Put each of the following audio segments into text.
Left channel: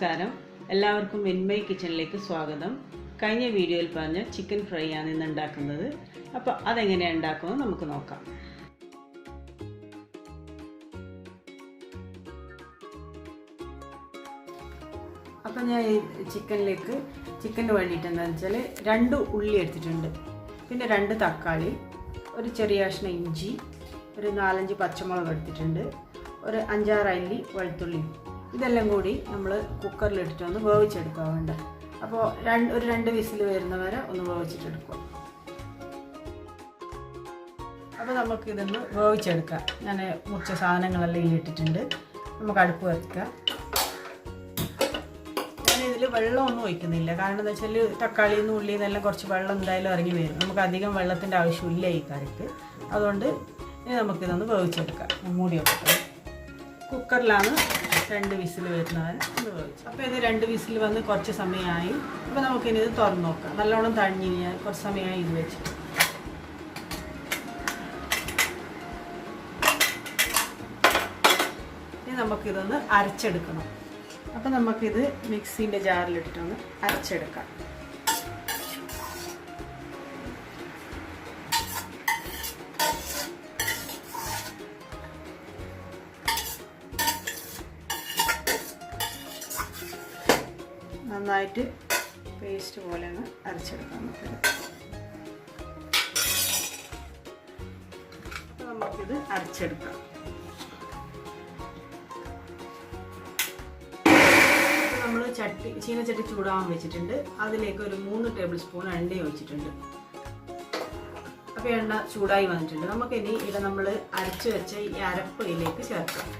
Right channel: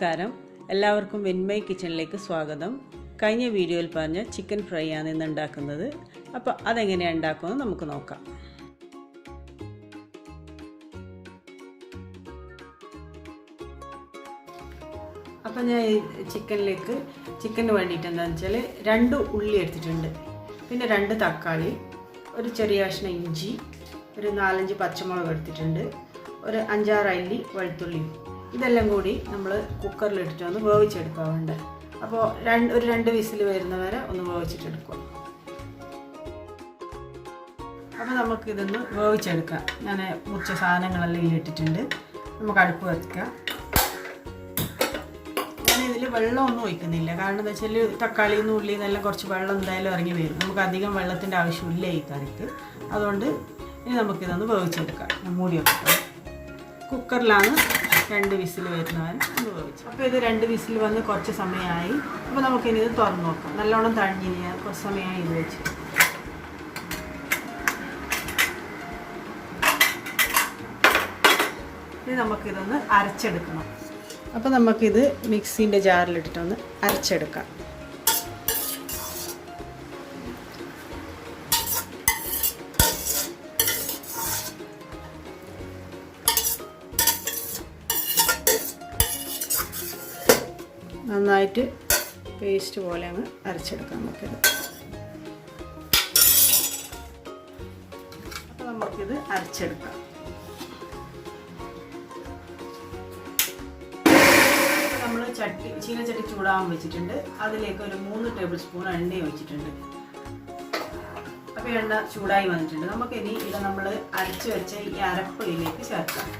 നമസ്കാരം, എല്ലാവർക്കും വിൻമൈ കിച്ചണിലേക്ക് സ്വാഗതം. കഴിഞ്ഞ വീഡിയോയിൽ പറഞ്ഞ ചിക്കൻ ഫ്രൈ ആണ് ഇന്ന് ഉണ്ടാക്കുന്നത്. അപ്പോൾ അതെങ്ങനെയാണ് ഉണ്ടാക്കുന്നത് നമുക്ക് നോക്കാം. അപ്പോൾ ഞാൻ ചിക്കന് വേണ്ടിയിട്ട് എന്താണെന്ന് വെച്ചാൽ 2 ഉള്ളി എടുത്തിട്ടുണ്ട്, പിന്നെ 2 തക്കാളി, ഒരു ചെറിയ കഷ്ണം ഇഞ്ചി, ഒരു 4-5 പച്ചമുളക് എടുത്തിട്ടുണ്ട്, ഒരു 5-6 അല്ലി വെളുത്തുള്ളി. ഇതെല്ലാം കൂടി നമ്മൾ കുക്കറിലിട്ടിട്ട് ഒന്ന് വേവിച്ചെടുക്കുക വേണ്ട. അപ്പോൾ ഒരു 2 വിസിൽ വരുന്നവരെ ഒന്ന് വേവിച്ചിട്ടെടുക്കുക. അപ്പോൾ നമുക്കിതൊന്ന് വേവിച്ചെടുക്കാം. ഞാൻ മുറിച്ച സാധനങ്ങളെല്ലാം ഇട്ടിട്ടുണ്ട്. നമുക്ക് അടുപ്പ് വയ്ക്കാം. ഞാനിതിൽ വെള്ളമൊന്നും ഒഴിക്കുന്നില്ല, കാരണം എന്താ വെച്ചാൽ തക്കാളിയിൽ നിന്ന് ഉള്ളിയിൽ നിന്നെല്ലാം കുറച്ച് വെള്ളം എന്തായാലും ഇറങ്ങി വരും. നമുക്ക് അധികം വെള്ളത്തിൻ്റെ ആവശ്യമില്ല ഈ കറിക്ക്. അതുകൊണ്ട് ഇനി നമുക്കിതൊന്ന് വേവിച്ചെടുക്കാം. മൂടി വെക്കാം. കുക്കറിലാണ് 2 വിസിൽ വരുന്നവരെ ഒന്ന് വേവിച്ചു. അപ്പോൾ ഇത് 2 വിസിൽ വന്ന് കുറച്ച് സമയമായി. അപ്പോൾ നമുക്കിനി ഇത് തുറന്ന് നോക്കാം. നല്ലോണം തണിഞ്ഞ് കുറച്ച് സമയമായി ഇത് വെച്ച്. ഇനി നമുക്കിതൊന്ന് അരച്ചെടുക്കണം. അപ്പോൾ നമുക്കിത് മിക്സീൻ്റെ ജാറിലിട്ടിട്ടൊന്ന് അരച്ചെടുക്കാം. നന്നായിട്ട് പേസ്റ്റ് പോലെ അങ്ങ് അരച്ചെടുക്കാം നമുക്കത്. അപ്പോൾ നമുക്കിത് അരച്ചെടുക്കാം. നമ്മൾ ചീനച്ചട്ടി ചൂടാകാൻ വെച്ചിട്ടുണ്ട്. അതിലേക്ക് ഒരു 3 ടേബിൾ സ്പൂൺ എണ്ണ ഒഴിച്ചിട്ടുണ്ട്. അപ്പോൾ എണ്ണ ചൂടായി വന്നിട്ടുണ്ട്. നമുക്കിനി ഇത് നമ്മൾ അരച്ച് വെച്ച ഈ അരപ്പ് ഇതിലേക്ക് ചേർക്കാം.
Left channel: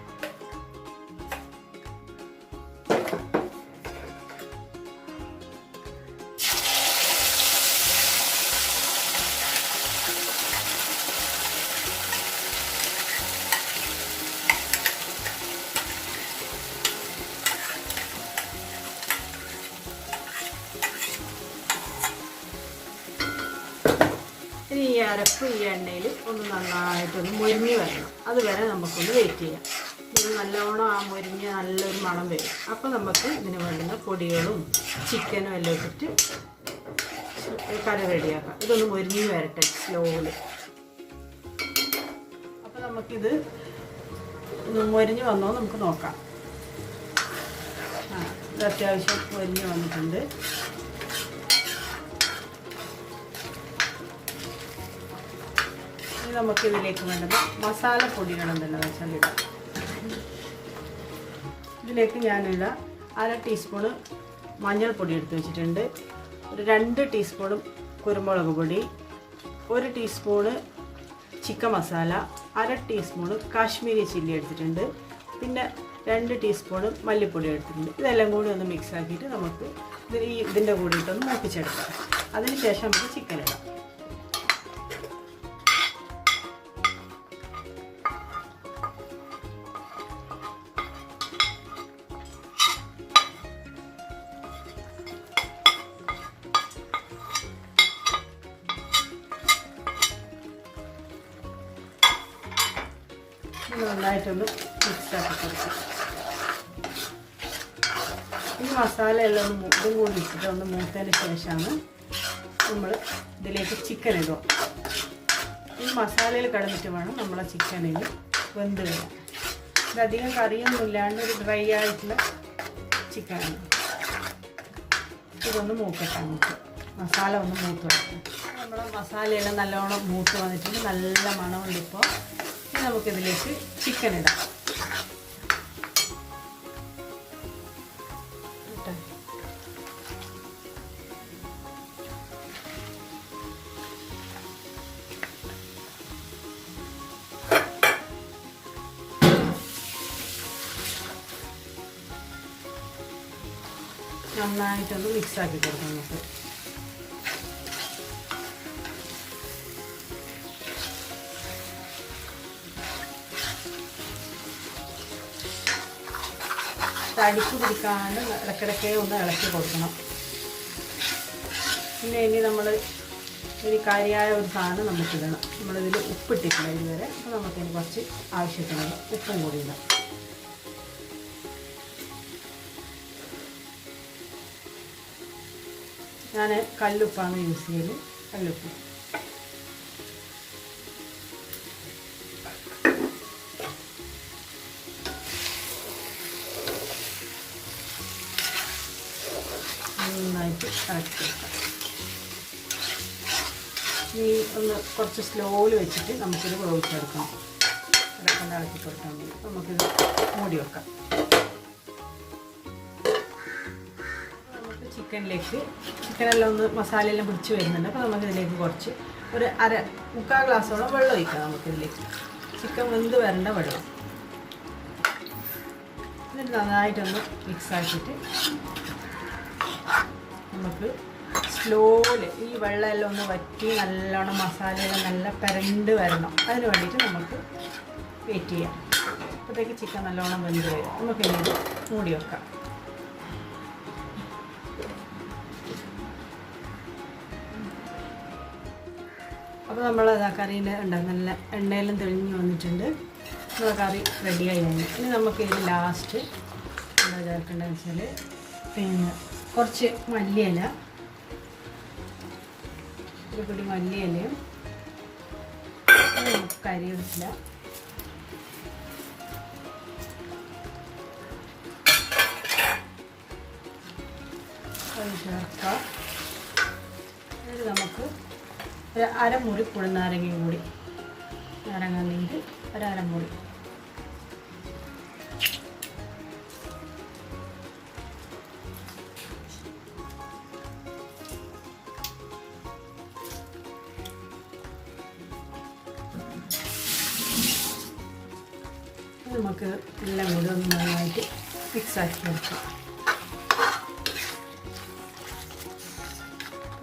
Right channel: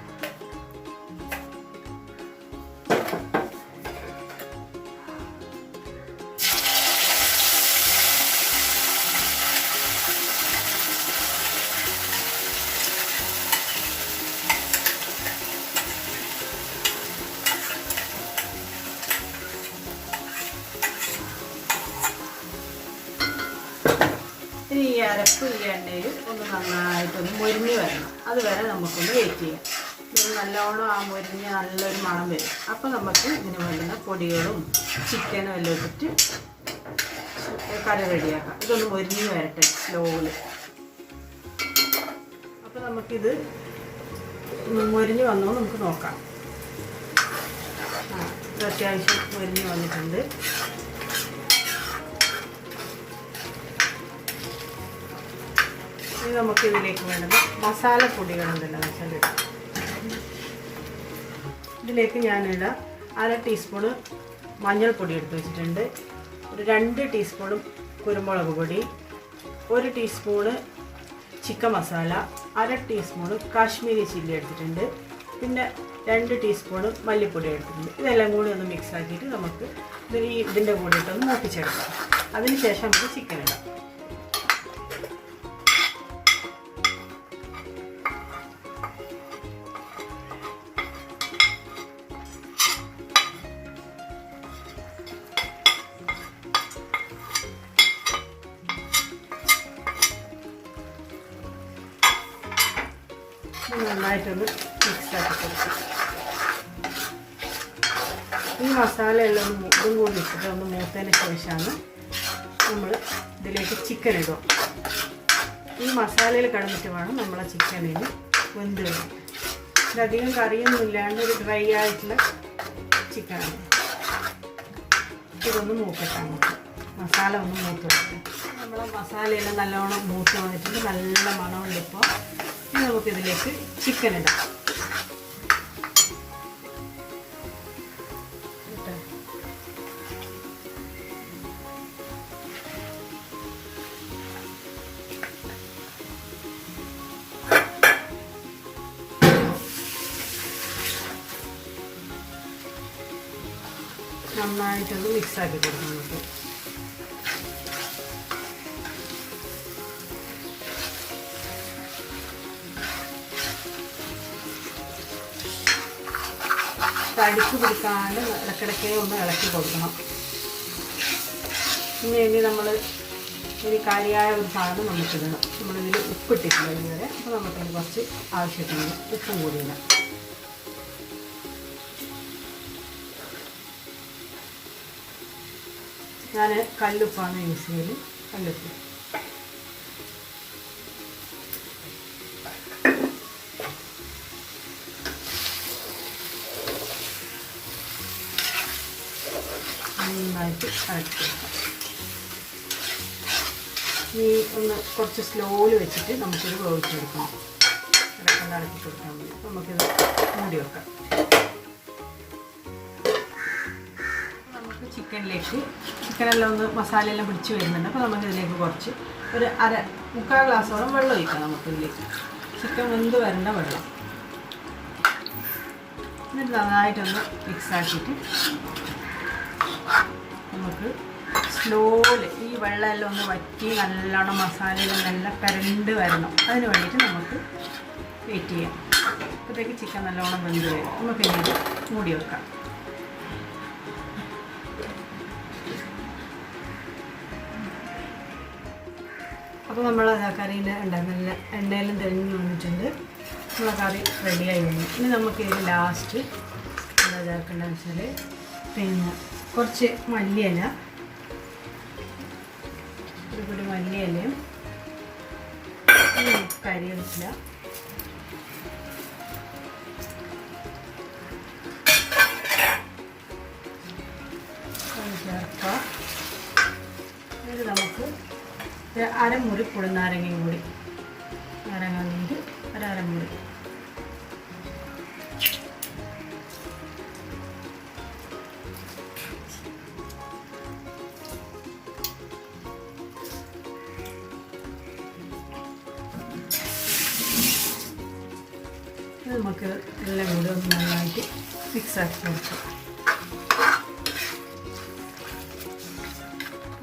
ഇനി ഈ അരപ്പ് ഈ എണ്ണയിൽ ഒന്ന് നന്നായിട്ടൊന്ന് മുരിഞ്ഞ് വരണം. അതുവരെ നമുക്കൊന്ന് വെയിറ്റ് ചെയ്യാം. ഇത് നല്ലോണം ആ മുരിഞ്ഞ് നല്ലൊരു മണം വരും. അപ്പോൾ നമുക്ക് ഇതിന് വേണ്ടുന്ന പൊടികളും ചിക്കനും എല്ലാം ഇട്ടിട്ട് കറി റെഡിയാക്കാം. ഇതൊന്ന് മുരിഞ്ഞ് വരട്ടെ സ്ലോയിൽ. അപ്പോൾ നമുക്കിത് മുരിഞ്ഞ് വന്നോ നമുക്ക് നോക്കാം. ഇത് അത്യാവശ്യം മുരിഞ്ഞ് വന്നിട്ടുണ്ട്. നമുക്ക് ഇതിലേക്ക് വേണ്ടത് മസാലപ്പൊടികളുണ്ടല്ലോ വെച്ചാൽ ഇതിലേക്ക് ഞാനിടാം 1/2 ടീസ്പൂണ് മഞ്ഞൾപ്പൊടി എടുത്ത് വെച്ചിട്ടുണ്ട്, ഒരു 2 ടീസ്പൂണ് കുരുമുളക് പൊടി, 1 teaspoon chicken masala, 1/2 teaspoon Kashmiri chilli എടുത്തിട്ടുണ്ട്, പിന്നെ 2 ടീസ്പൂണ് മല്ലിപ്പൊടി എടുത്തിട്ടുണ്ട്. ഇതെല്ലാം കൂടി ഒന്ന് മിക്സ് ആക്കിയിട്ട് നമുക്ക് ഇതിൻ്റെ കൂടിയിട്ടൊന്ന് മൂപ്പിച്ചെടുക്കാം. അതിന് ശേഷം നമുക്ക് ചിക്കൻ ഇടാം. നന്നായിട്ടൊന്ന് മിക്സാക്കി കൊടുക്കാം. ഈ മസാലയെല്ലാം ഇതും കൂടി ഇട്ടിട്ട് ഒന്ന് മൂത്തതിന് ശേഷമാണ് നമ്മൾ ഇതിലേക്ക് ചിക്കൻ ഇടുക. ഈ മസാലയിൽ കിടന്നിട്ട് വേണം നമ്മളെ ചിക്കനിൽ വെന്ത് വരാൻ. ഇതധികം കറിയൊന്നും ഇല്ലാണ്ട് ഒരു ഡ്രൈ ആയിട്ടുള്ള ചിക്കനാണ്. ഇതൊന്ന് മൂക്കട്ടെ, നമുക്ക് മസാല ഒന്ന് മൂത്ത് വെക്കാം. നമ്മളെ മസാലയെല്ലാം നല്ലോണം മൂത്ത് വന്നിട്ടുണ്ട്, നല്ല മണമുണ്ട്. ഇപ്പോൾ നമുക്കിതിലേക്ക് ചിക്കൻ ഇടാം. നന്നായിട്ടൊന്ന് മിക്സാക്കി കൊടുക്കാം നമുക്ക്. അടിച്ചു പിടിക്കാൻ വേണ്ടി ഇടയ്ക്കിടയ്ക്ക് ഒന്ന് ഇളക്കി കൊടുക്കണം. പിന്നെ ഇനി നമ്മൾ ഒരു കാര്യമായ ഒരു സാധനം നമുക്കിടണം. നമ്മളിതിൽ ഉപ്പിട്ടിട്ടില്ല ഇതുവരെ. അപ്പോൾ നമുക്കതിന് കുറച്ച് ആവശ്യത്തിന് ഉപ്പും കൂടി ഇടാം. ഞാൻ കല്ലുപ്പാണ് യൂസ് ചെയ്യൽ. കല്ലുപ്പ് നന്നായിട്ട് ഇളക്കി കൊടുക്കാം. ഈ ഒന്ന് കുറച്ച് സ്ലോയിൽ വെച്ചിട്ട് നമുക്കിത് വേവിച്ചെടുക്കണം. ഇളക്കി ഇളക്കി കൊടുക്കാൻ വേണ്ടി നമുക്കിത് മൂടി വെക്കാം. നമുക്ക് ചിക്കനെല്ലാം ഒന്ന് മസാലയെല്ലാം പിടിച്ച് വരുന്നുണ്ട്. അപ്പോൾ നമുക്കിതിലേക്ക് കുറച്ച് ഒരു മുക്കാൽ ഗ്ലാസോളം വെള്ളം ഒഴിക്കാം. നമുക്കിതിലേക്ക് ചിക്കൻ വെന്ത് വരേണ്ട വെള്ളം. എന്നിട്ട് നന്നായിട്ടൊന്ന് മിക്സ് ആക്കിയിട്ട് നമുക്ക് സ്ലോയിൽ ഈ വെള്ളമെല്ലാം ഒന്ന് വറ്റി നല്ലോണം മസാലയെല്ലാം നല്ല പരണ്ട് വരണം. അതിന് വേണ്ടിയിട്ട് നമുക്ക് വെയിറ്റ് ചെയ്യാം. അപ്പോഴത്തേക്ക് ചിക്കൻ നല്ലോണം വെന്ത് വരും. നമുക്ക് ഇനി മൂടി വെക്കാം. അപ്പോൾ നമ്മളത് ആ കറിയിൽ ഉണ്ടാകുന്നില്ല, എണ്ണയിലും തെളിഞ്ഞ് വന്നിട്ടുണ്ട്. നമ്മൾ കറി റെഡിയായി കഴിഞ്ഞു. ഇനി നമുക്ക് ഇത് ലാസ്റ്റ് എന്താക്കേണ്ടതെന്ന് വെച്ചാൽ പിന്നെ കുറച്ച് മല്ലിയില, ഒരു പിടി മല്ലിയിലയും കരിവേപ്പില, ചേർക്കുക. ഇത് നമുക്ക് ഒരു അരമുറി പുളിനാരങ്ങയും കൂടി, നാരങ്ങ നീര് ഒരമുറി. നമുക്ക് എല്ലാം കൂടി ഒന്ന് നന്നായിട്ട് മിക്സാക്കി കൊടുക്കാം.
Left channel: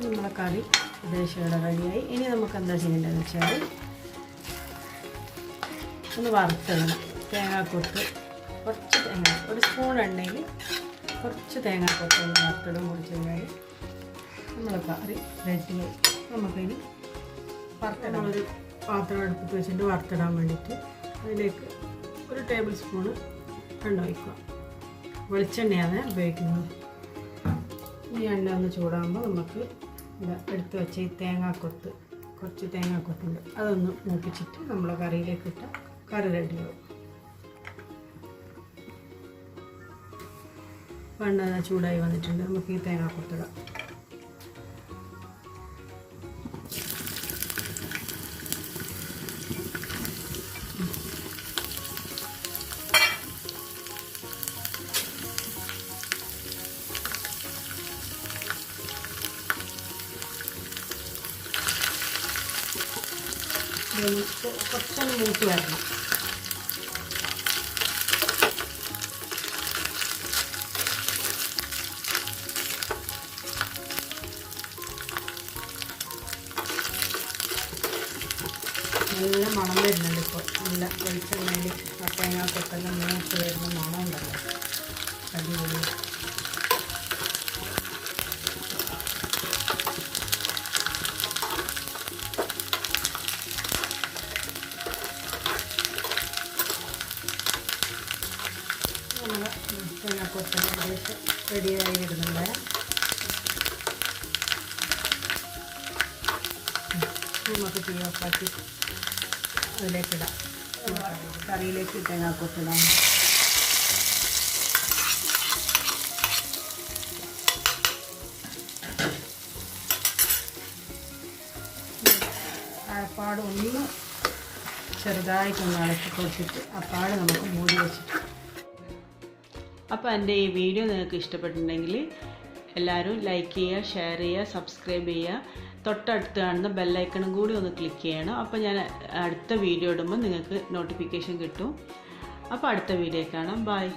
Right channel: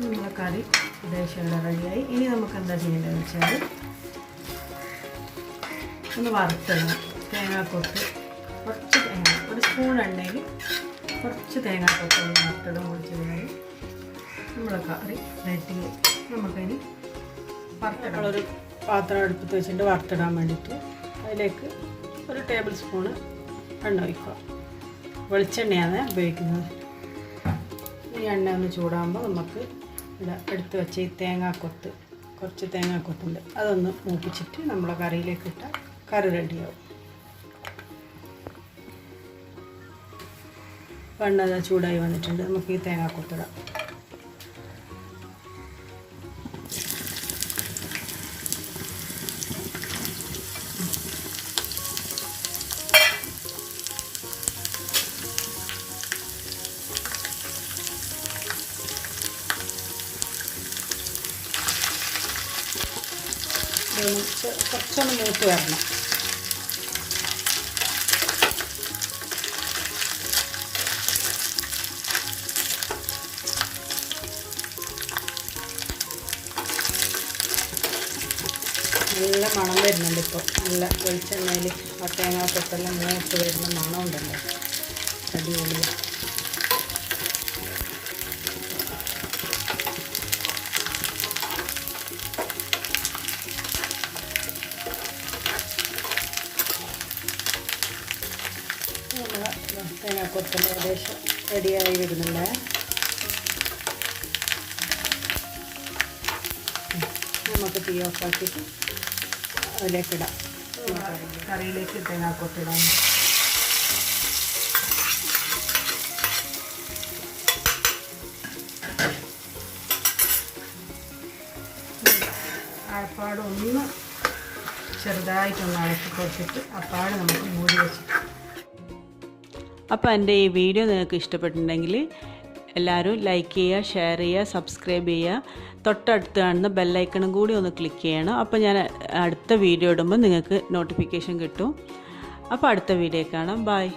നമ്മളെ കറി ഉദ്ദേശിച്ചുള്ള റെഡിയായി. ഇനി നമുക്ക് എന്താ ചെയ്യേണ്ടതെന്ന് വെച്ചാൽ ഒന്ന് വറുത്തിടണം. തേങ്ങാക്കൊത്ത് കുറച്ച് തേങ്ങ, ഒരു സ്പൂൺ എണ്ണയിൽ കുറച്ച് തേങ്ങാക്കൊത്ത് വറുത്തിടും കുറച്ച് കഴിഞ്ഞാൽ നമ്മളെ കറി റെഡി. നമുക്കതിന് വറുത്തിടാം. ഒരു പാത്രം അടുപ്പത്ത് വെച്ചിട്ട് വറുത്തിടാൻ വേണ്ടിയിട്ട് അതിലേക്ക് ഒരു ടേബിൾ സ്പൂണ് എണ്ണ ഒഴിക്കുക. വെളിച്ചെണ്ണയാണ് ഉപയോഗിക്കുന്നത്. ഈ എണ്ണ ഒന്ന് ചൂടാകുമ്പോൾ നമുക്ക് എടുത്ത് വെച്ച് ഈ തേങ്ങാക്കൊത്ത്, കുറച്ച് തേങ്ങാക്കൊത്തുണ്ട്, അതൊന്ന് മൂപ്പിച്ചിട്ട് നമ്മളെ കറിയിലേക്ക് ഇട്ടാൽ കറി റെഡിയാവും. എണ്ണ ചൂടായി വന്നിട്ടുണ്ട്. നമുക്ക് ഈ തേങ്ങാക്കൊത്തിടാം. കുറച്ചൊന്ന് മൂത്ത് വരണം. നല്ല മണം വരുന്നുണ്ട് ഇപ്പോൾ. നല്ല വെളിച്ചെണ്ണയിൽ തേങ്ങാക്കൊത്തെല്ലാം മൂത്ത് വരുന്ന മണം ഉണ്ടല്ലോ, അടിപൊളി. തേങ്ങാക്കൊത്ത് ഏകദേശം റെഡിയായി വരുന്നുണ്ട്. നമുക്ക് തീ ഓഫാക്കിയിട്ട് അതിലേക്കിടാം. കറിയിലേക്ക് തേങ്ങാക്കൊത്തിടാം. അപ്പാട് ഒന്ന് ചെറുതായിട്ടൊന്ന് ഇളക്കി കൊടുത്തിട്ട് അപ്പാട് നമുക്ക് മൂടി വെച്ചിട്ട്. അപ്പോൾ എൻ്റെ ഈ വീഡിയോ നിങ്ങൾക്ക് ഇഷ്ടപ്പെട്ടിട്ടുണ്ടെങ്കിൽ എല്ലാവരും ലൈക്ക് ചെയ്യുക, ഷെയർ ചെയ്യുക, സബ്സ്ക്രൈബ് ചെയ്യുക. തൊട്ടടുത്ത് കാണുന്ന ബെല്ലൈക്കണും കൂടി ഒന്ന് ക്ലിക്ക് ചെയ്യണം. അപ്പോൾ ഞാൻ അടുത്ത വീഡിയോ ഇടുമ്പോൾ നിങ്ങൾക്ക് നോട്ടിഫിക്കേഷൻ കിട്ടും. അപ്പോൾ അടുത്ത വീഡിയോ കാണാം. ബൈ.